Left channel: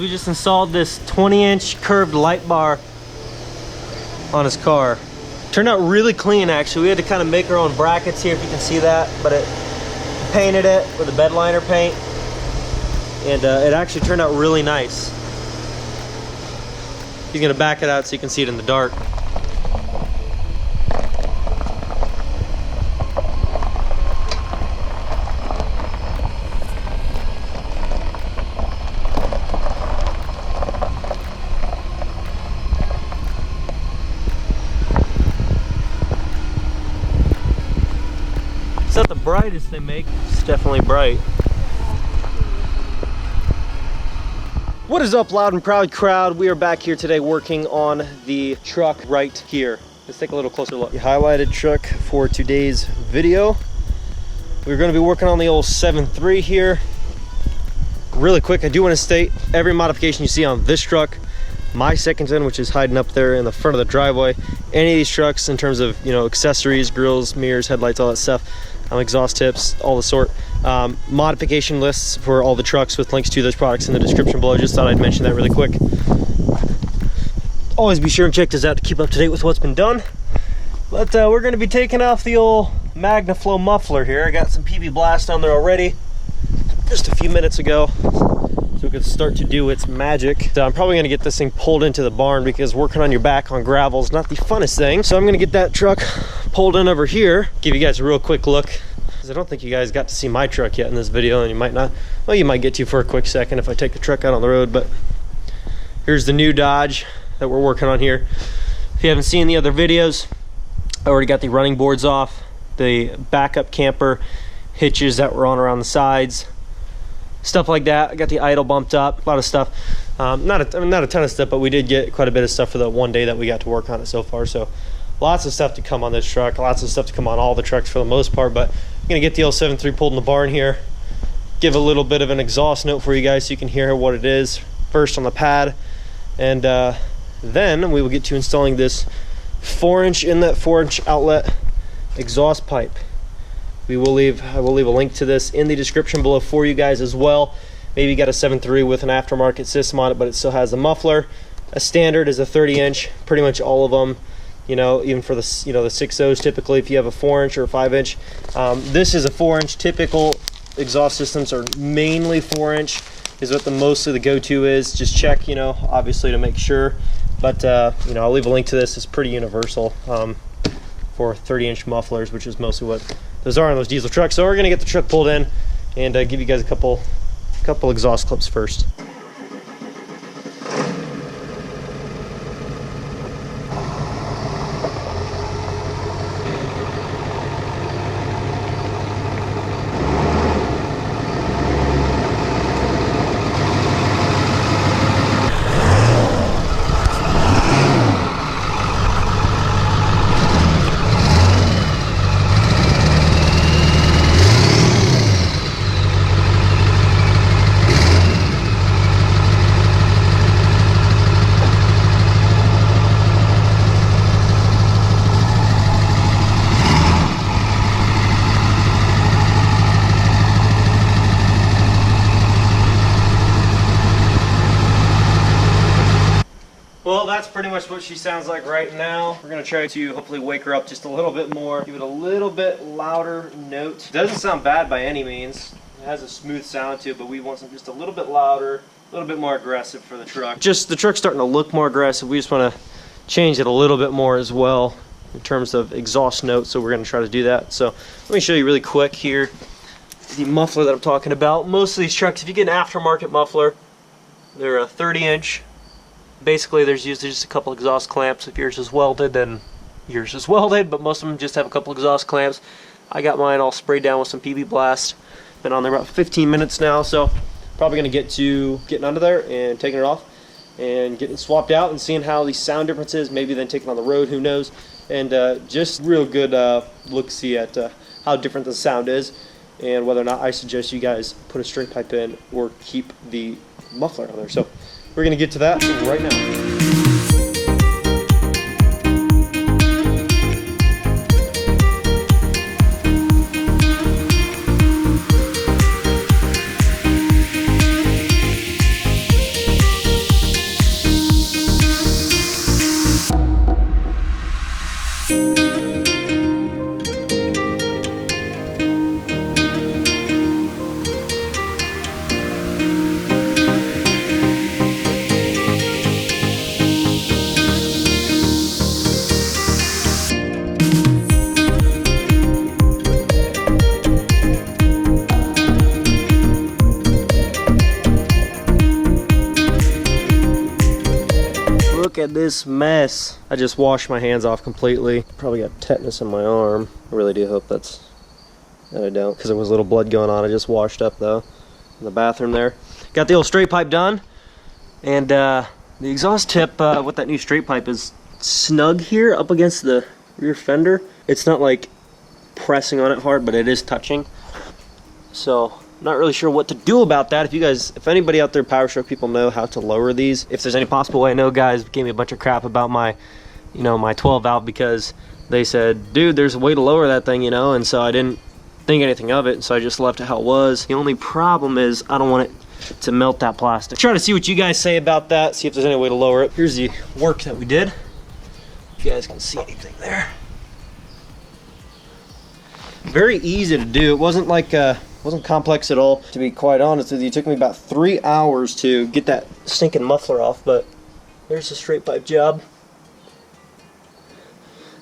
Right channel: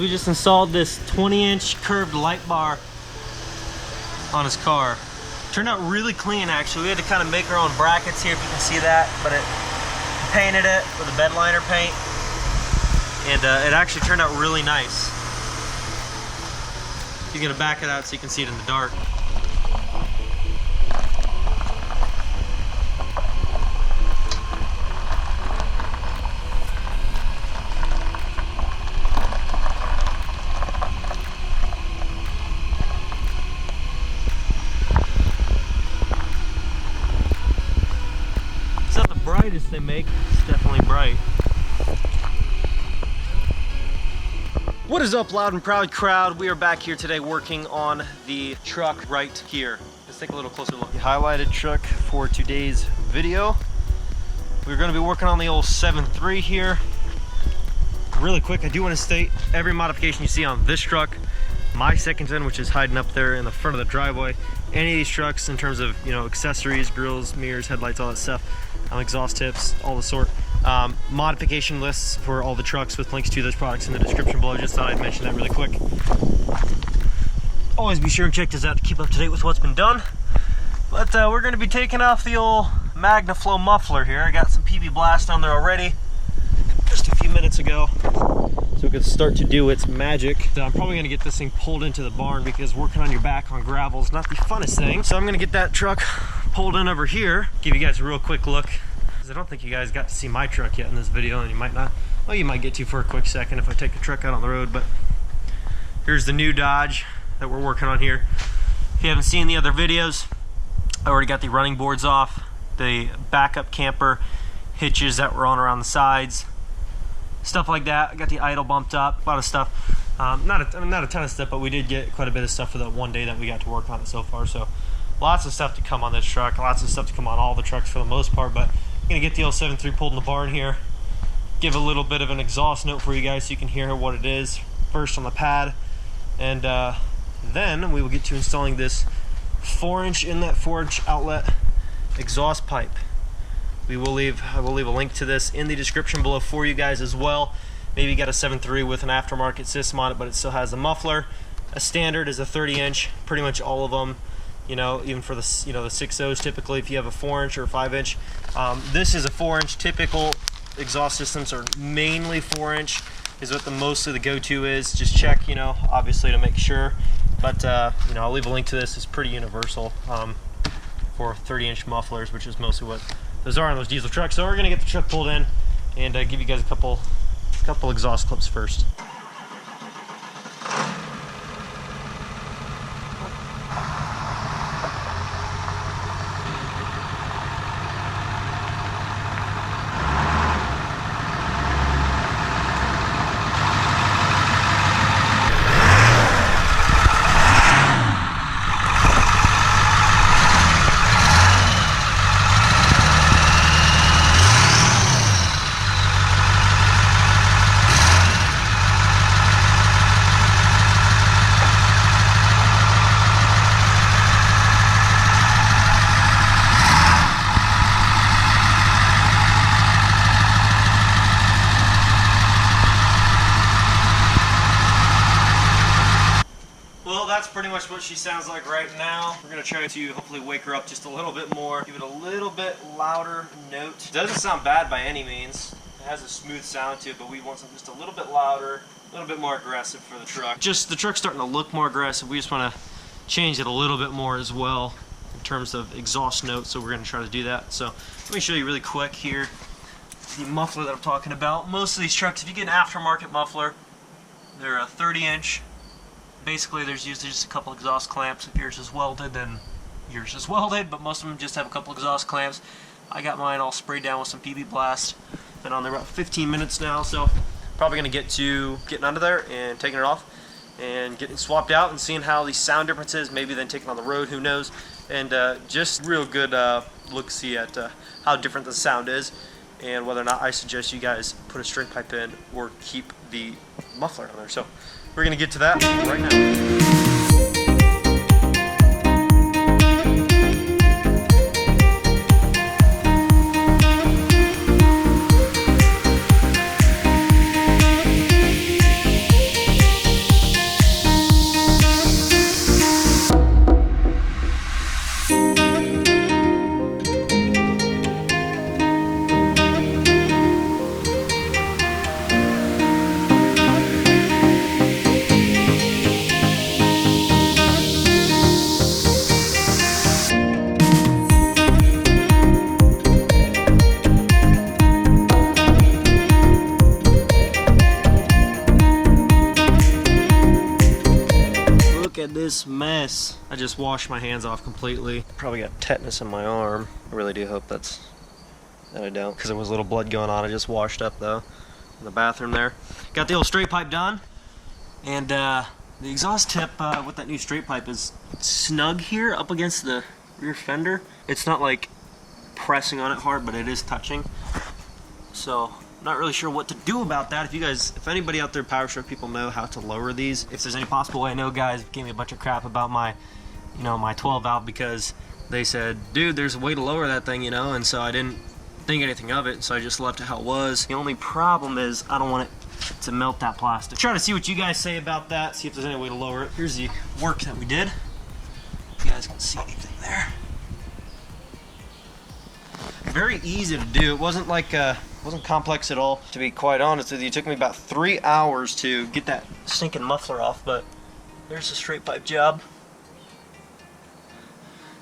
we just installed this 20-inch curved light bar on his car. Turned out really clean, actually. We had to kind of make our own brackets here, if you can see that, but it painted it with a bed liner paint, and it actually turned out really nice. He's gonna back it out so you can see it in the dark. It's not the brightest they make, it's definitely bright. What is up, loud and proud crowd? We are back here today working on the truck right here. Let's take a little closer look. The highlighted truck for today's video. We're gonna be working on the old 7.3 here. Really quick, I do wanna state every modification you see on this truck, my second gen, which is hiding up there in the front of the driveway, any of these trucks in terms of, you know, accessories, grills, mirrors, headlights, all that stuff, exhaust tips, all the sort. Modification lists for all the trucks with links to those products in the description below. Just thought I'd mention that really quick. Always be sure and check this out to keep up to date with what's been done. But we're going to be taking off the old MagnaFlow muffler here. I got some PB Blast on there already just a few minutes ago, so it could start to do its magic. So I'm probably going to get this thing pulled into the barn, because working on your back on gravel is not the funnest thing. So I'm going to get that truck pulled in over here, give you guys a real quick look, because I don't think you guys got to see my truck yet in this video, and you might not. Well, you might get to for a quick second if I take the truck out on the road. But here's the new Dodge that we're working on here. If you haven't seen the other videos, I already got the running boards off, the backup camper hitches that were on around the sides, stuff like that. I got the idle bumped up, a lot of stuff. Not a ton of stuff, but we did get quite a bit of stuff for the one day that we got to work on it so far. So lots of stuff to come on this truck, lots of stuff to come on all the trucks for the most part. But I'm gonna get the old 7.3 pulled in the barn here, give a little bit of an exhaust note for you guys so you can hear what it is first on the pad, and then we will get to installing this 4-inch inlet, 4-inch outlet exhaust pipe. I will leave a link to this in the description below for you guys as well. Maybe you got a 7.3 with an aftermarket system on it, but it still has a muffler. A standard is a 30-inch, pretty much all of them. You know, even for the, you know, the 6.0s typically, if you have a 4-inch or a 5-inch. This is a 4-inch. Typical exhaust systems are mainly 4-inch, is what mostly the go-to is. Just check, you know, obviously to make sure. But, you know, I'll leave a link to this. It's pretty universal for 30-inch mufflers, which is mostly what those are on those diesel trucks. So we're gonna get the truck pulled in and give you guys a couple exhaust clips first. Well, that's pretty much what she sounds like right now. We're gonna try to hopefully wake her up just a little bit more, give it a little bit louder note. It doesn't sound bad by any means. It has a smooth sound to it, but we want something just a little bit louder, a little bit more aggressive for the truck. Just the truck's starting to look more aggressive. We just want to change it a little bit more as well in terms of exhaust notes, so we're gonna try to do that. So let me show you really quick here the muffler that I'm talking about. Most of these trucks, if you get an aftermarket muffler, they're a 30-inch. Basically, there's usually just a couple exhaust clamps. If yours is welded, then yours is welded, but most of them just have a couple exhaust clamps. I got mine all sprayed down with some PB Blast. Been on there about 15 minutes now, so probably going to get to getting under there and taking it off and getting swapped out and seeing how the sound difference is, maybe then taking on the road, who knows. And just real good look-see at how different the sound is and whether or not I suggest you guys put a straight pipe in or keep the muffler on there. So we're going to get to that right now. Look at this mess. I just washed my hands off completely. Probably got tetanus in my arm. I really do hope that I don't, because there was a little blood going on. I just washed up though in the bathroom there. Got the old straight pipe done, and the exhaust tip with that new straight pipe is snug here up against the rear fender. It's not like pressing on it hard, but it is touching. So not really sure what to do about that. If anybody out there, PowerStroke people, know how to lower these, if there's any possible way. I know guys gave me a bunch of crap about my, my 12 valve, because they said, dude, there's a way to lower that thing, and so I didn't think anything of it, and so I just left it how it was. The only problem is I don't want it to melt that plastic. Try to see what you guys say about that, see if there's any way to lower it. Here's the work that we did. If you guys can see anything there. Very easy to do. It wasn't like wasn't complex at all, to be quite honest with you. It took me about 3 hours to get that stinking muffler off, but there's a straight pipe job.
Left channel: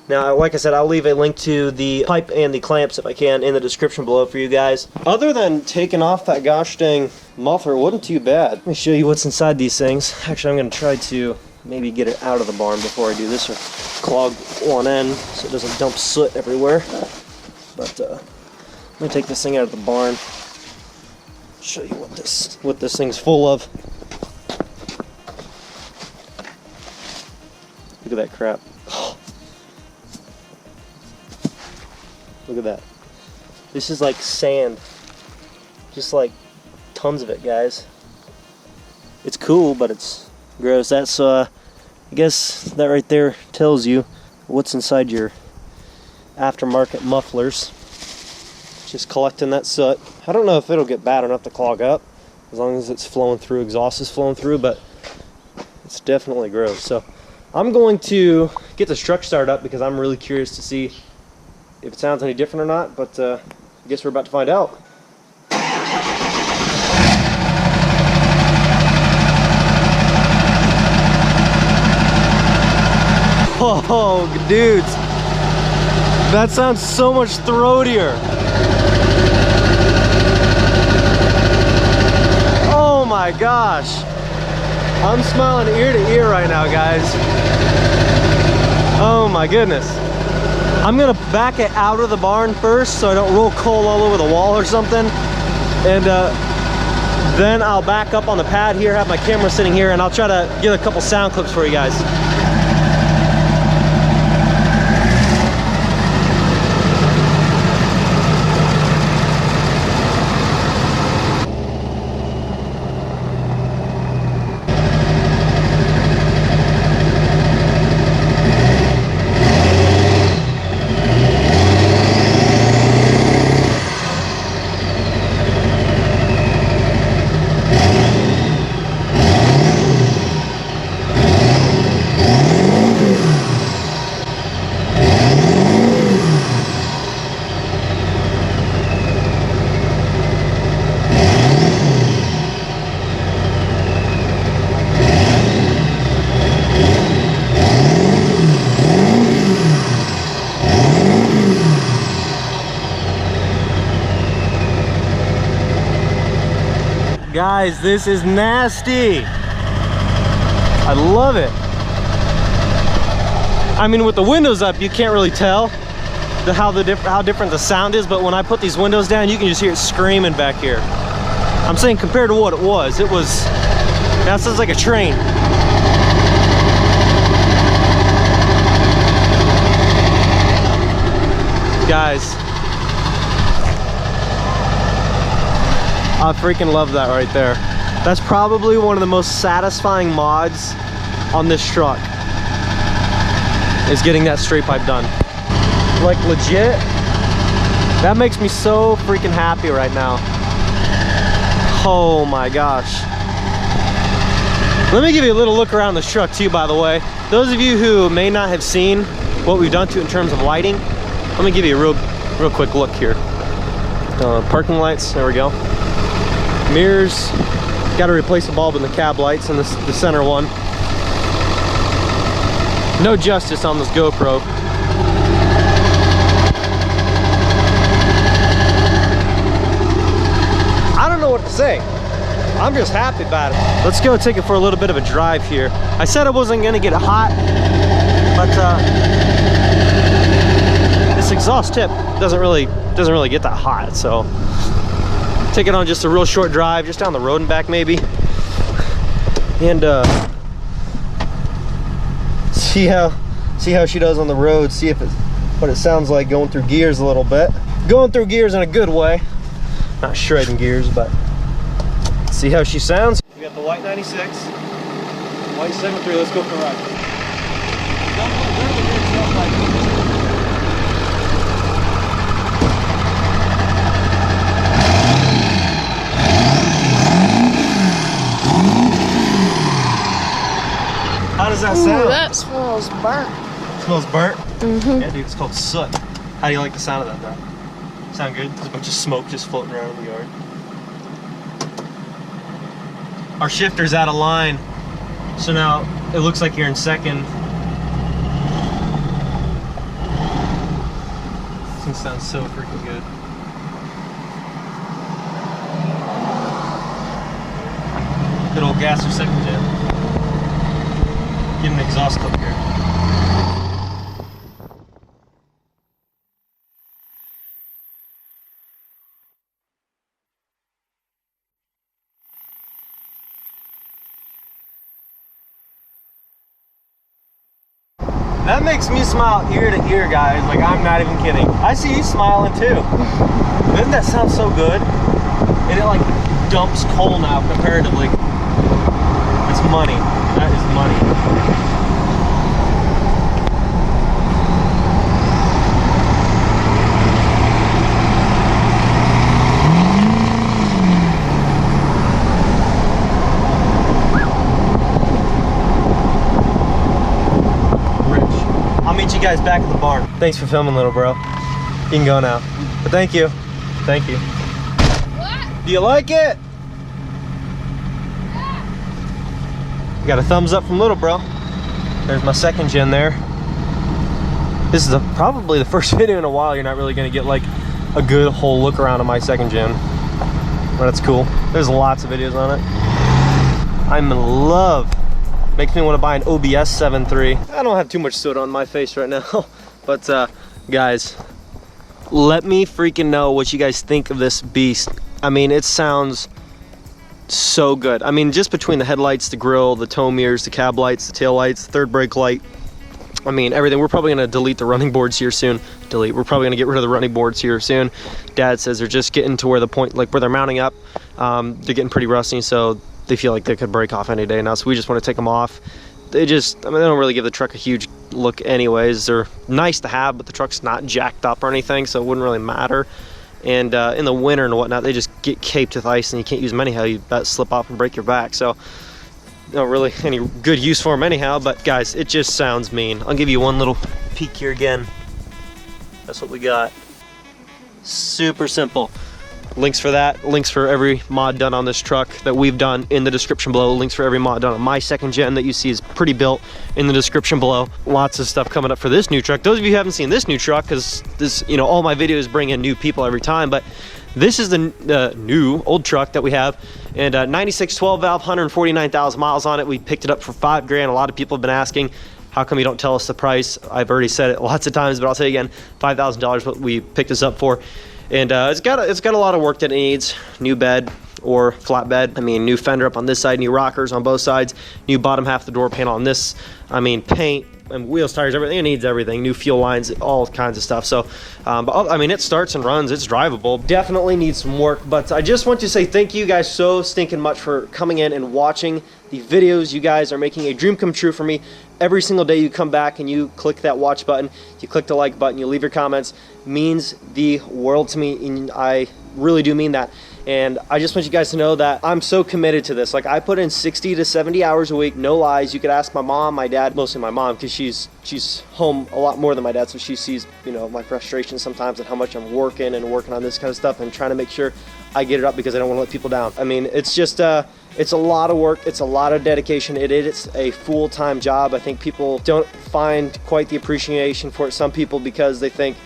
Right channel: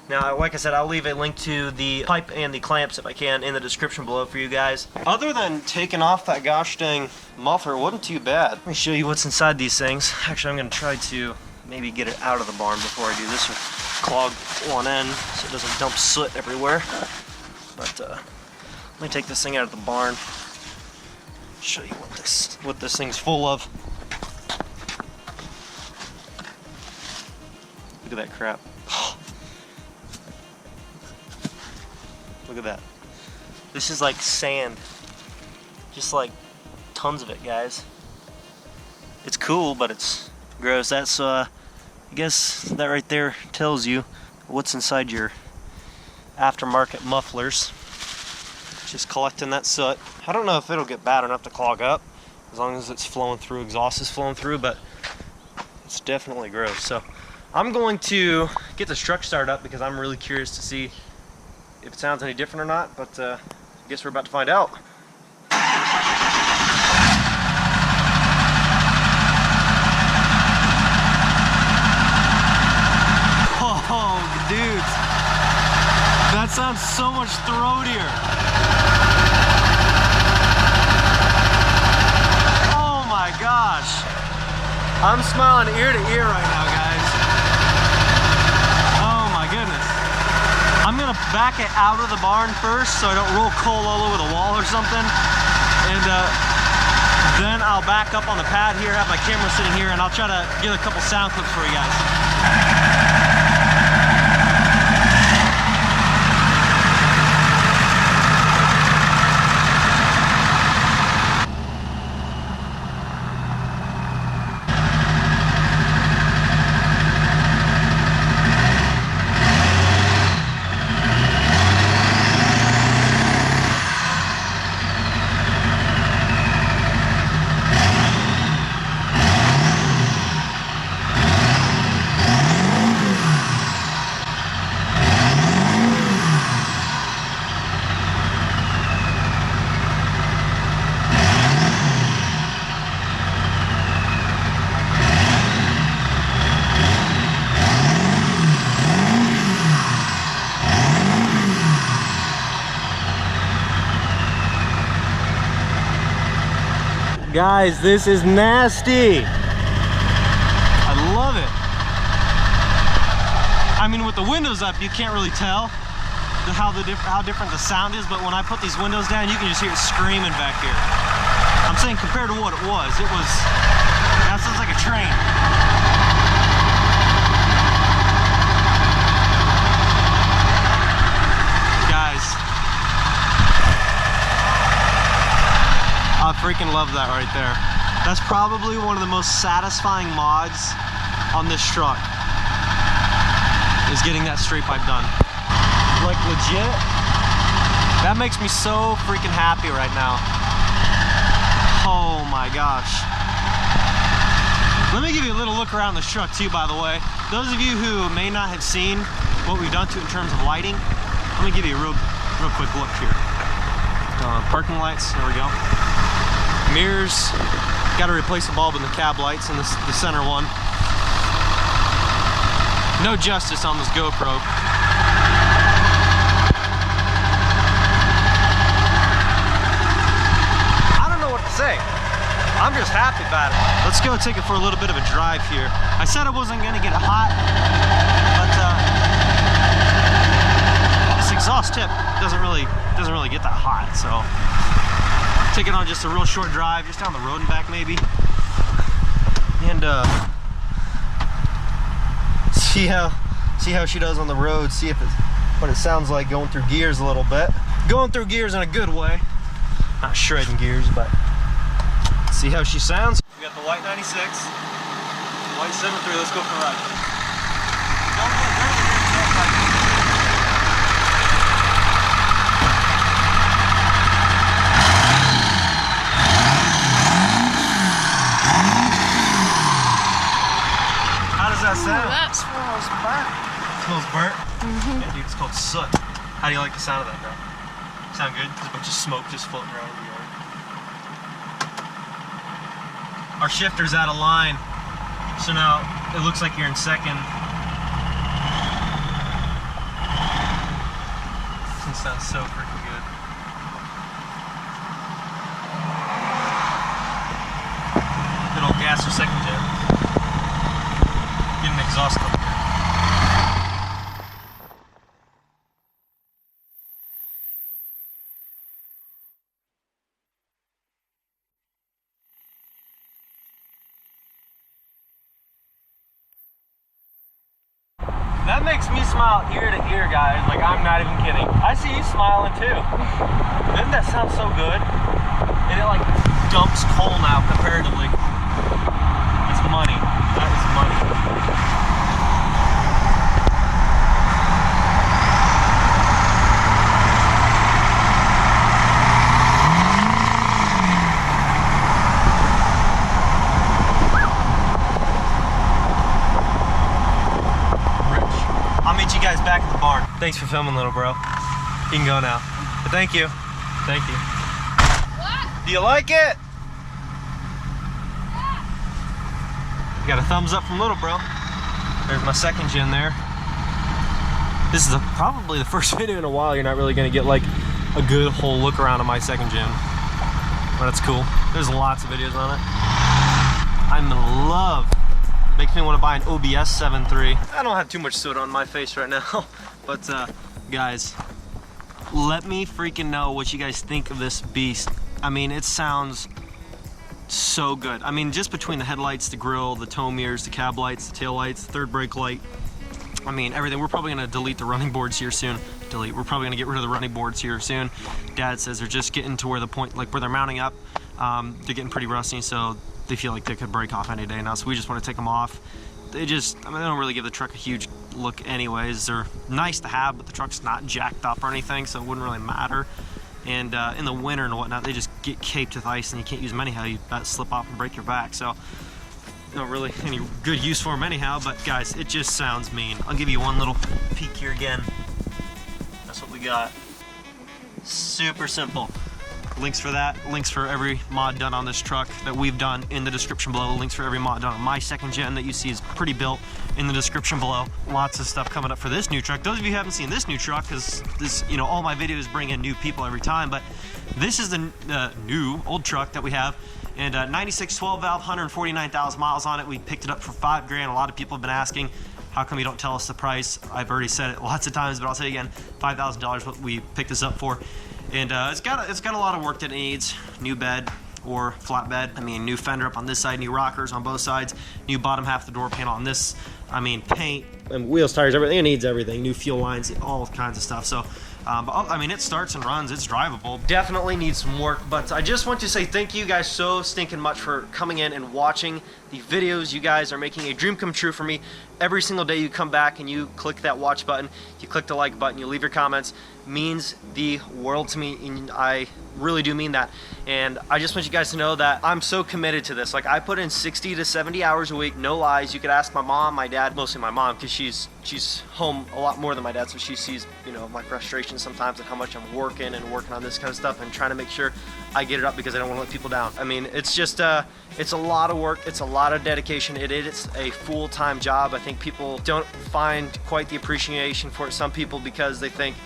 Now, like I said, I'll leave a link to the pipe and the clamps, if I can, in the description below for you guys. Other than taking off that gosh dang muffler, it wasn't too bad. Let me show you what's inside these things. Actually, I'm going to try to maybe get it out of the barn before I do this, or clog one end so it doesn't dump soot everywhere. But let me take this thing out of the barn, show you what this thing's full of. Look at that crap. Look at that. This is like sand. Just like tons of it, guys. It's cool, but it's gross. That's I guess that right there tells you what's inside your aftermarket mufflers. Just collecting that soot. I don't know if it'll get bad enough to clog up, as long as it's flowing through, exhaust is flowing through, but it's definitely gross. So I'm going to get this truck started up, because I'm really curious to see if it sounds any different or not, but I guess we're about to find out. Oh, dudes, that sounds so much throatier. Oh my gosh, I'm smiling ear to ear right now, guys. Oh my goodness. I'm gonna back it out of the barn first so I don't roll coal all over the wall or something, and then I'll back up on the pad here, have my camera sitting here, and I'll try to get a couple sound clips for you guys. Guys, this is nasty. I love it. I mean, with the windows up, you can't really tell how different the sound is, but when I put these windows down, you can just hear it screaming back here. I'm saying compared to what it was, that sounds like a train. Guys, I freaking love that right there. That's probably one of the most satisfying mods on this truck, is getting that straight pipe done. Like legit, that makes me so freaking happy right now. Oh my gosh. Let me give you a little look around this truck too, by the way. Those of you who may not have seen what we've done to it in terms of lighting, let me give you a real quick look here. Parking lights, there we go. Mirrors, got to replace the bulb in the cab lights and the center one. No justice on this GoPro. I don't know what to say. I'm just happy about it. Let's go take it for a little bit of a drive here. I said I wasn't gonna get it hot, but this exhaust tip doesn't really get that hot. So take it on just a real short drive, just down the road and back maybe, and see how she does on the road. See if it's what it sounds like going through gears a little bit. Going through gears in a good way, not shredding gears, but see how she sounds. We got the white 96, white 7.3. Let's go for a ride. How does that sound? Ooh, that smells burnt. It smells burnt? Mm-hmm. Yeah, dude, it's called soot. How do you like the sound of that, though? Sound good? There's a bunch of smoke just floating around in the yard. Our shifter's out of line, so now it looks like you're in second. This one sounds so freaking good. Good old gas or second gen. Get an exhaust clip here. That makes me smile ear to ear, guys. Like, I'm not even kidding. I see you smiling too. Doesn't that sound so good? And it like dumps coal now comparatively. It's money. That is money. I'll meet you guys back at the barn. Thanks for filming, little bro. You can go now. But thank you. Thank you. What? Do you like it? Yeah. Got a thumbs up from little bro. There's my second gen there. This is probably the first video in a while you're not really gonna get like a good whole look around of my second gen. But that's cool. There's lots of videos on it. I'm in love. Makes me want to buy an OBS 7.3. I don't have too much soot on my face right now, but guys, let me freaking know what you guys think of this beast. I mean, it sounds so good. I mean, just between the headlights, the grill, the tow mirrors, the cab lights, the tail lights, the third brake light, I mean, everything. We're probably gonna delete the running boards here soon. We're probably gonna get rid of the running boards here soon. Dad says they're just getting to where the point, like where they're mounting up, they're getting pretty rusty, so they feel like they could break off any day now, so we just want to take them off. They just, I mean, they don't really give the truck a huge look anyways. They're nice to have, but the truck's not jacked up or anything, so it wouldn't really matter. And in the winter and whatnot, they just get caped with ice and you can't use them anyhow. You bet slip off and break your back. So not really any good use for them anyhow, but guys, it just sounds mean. I'll give you one little peek here again. That's what we got. Super simple. Links for that, links for every mod done on this truck that we've done in the description below. Links for every mod done on my second gen that you see is pretty built in the description below. Lots of stuff coming up for this new truck. Those of you who haven't seen this new truck, because this, you know, all my videos bring in new people every time, but this is the new old truck that we have, and 96 12 valve, 149,000 miles on it. We picked it up for $5 grand. A lot of people have been asking, how come you don't tell us the price? I've already said it lots of times, but I'll say again, $5,000 what we picked this up for. And it's got a lot of work that it needs. New bed or flat bed. I mean, new fender up on this side, new rockers on both sides, new bottom half of the door panel on this. I mean, paint and wheels, tires, everything. It needs everything. New fuel lines, all kinds of stuff. So, but I mean, it starts and runs. It's drivable. Definitely needs some work. But I just want to say thank you guys so stinking much for coming in and watching the videos. You guys are making a dream come true for me. Every single day you come back and you click that watch button, you click the like button, you leave your comments, means the world to me, and I really do mean that. And I just want you guys to know that I'm so committed to this. Like, I put in 60 to 70 hours a week, no lies. You could ask my mom, my dad, mostly my mom, because she's home a lot more than my dad, so she sees, you know, my frustration sometimes and how much I'm working on this kind of stuff and trying to make sure I get it up because I don't want to let people down. I mean, it's just it's a lot of work, it's a lot of dedication. It is a full-time job. I think people don't find quite the appreciation for it. Some people, because they think,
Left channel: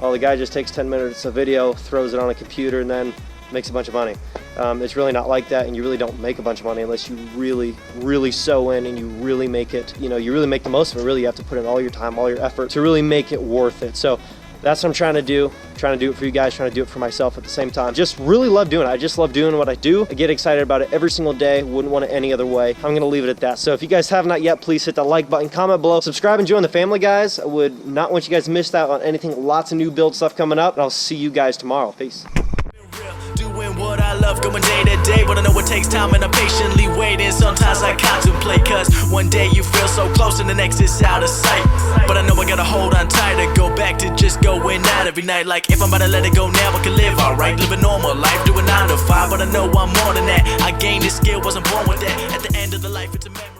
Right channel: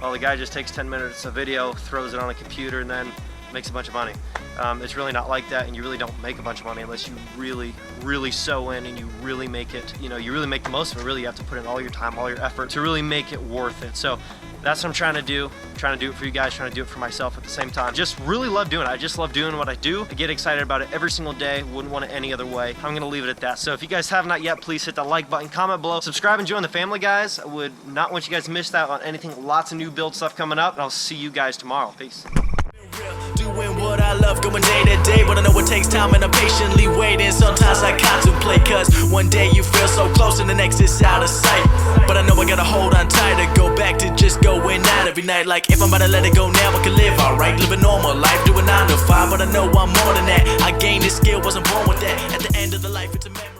oh, the guy just takes 10 minutes of video, throws it on a computer, and then makes a bunch of money. It's really not like that, and you really don't make a bunch of money unless you really sew in and you really make it, you know, you really make the most of it. Really, you have to put in all your time, all your effort to really make it worth it. So that's what I'm trying to do. I'm trying to do it for you guys, trying to do it for myself at the same time. Just really love doing it. I just love doing what I do. I get excited about it every single day. Wouldn't want it any other way. I'm gonna leave it at that. So if you guys have not yet, please hit that like button, comment below, subscribe and join the family, guys. I would not want you guys to miss out on anything. Lots of new build stuff coming up, and I'll see you guys tomorrow. Peace. Doing what I love, going day to day, but I know it takes time and I'm patiently waiting. Sometimes I contemplate, cause one day you feel so close and the next is out of sight. But I know I gotta hold on tight to go back to just going out every night. Like if I'm about to let it go now, I can live alright, live a normal life, doing 9 to 5. But I know I'm more than that. I gained this skill, wasn't born with that. At the end of the life, it's a memory.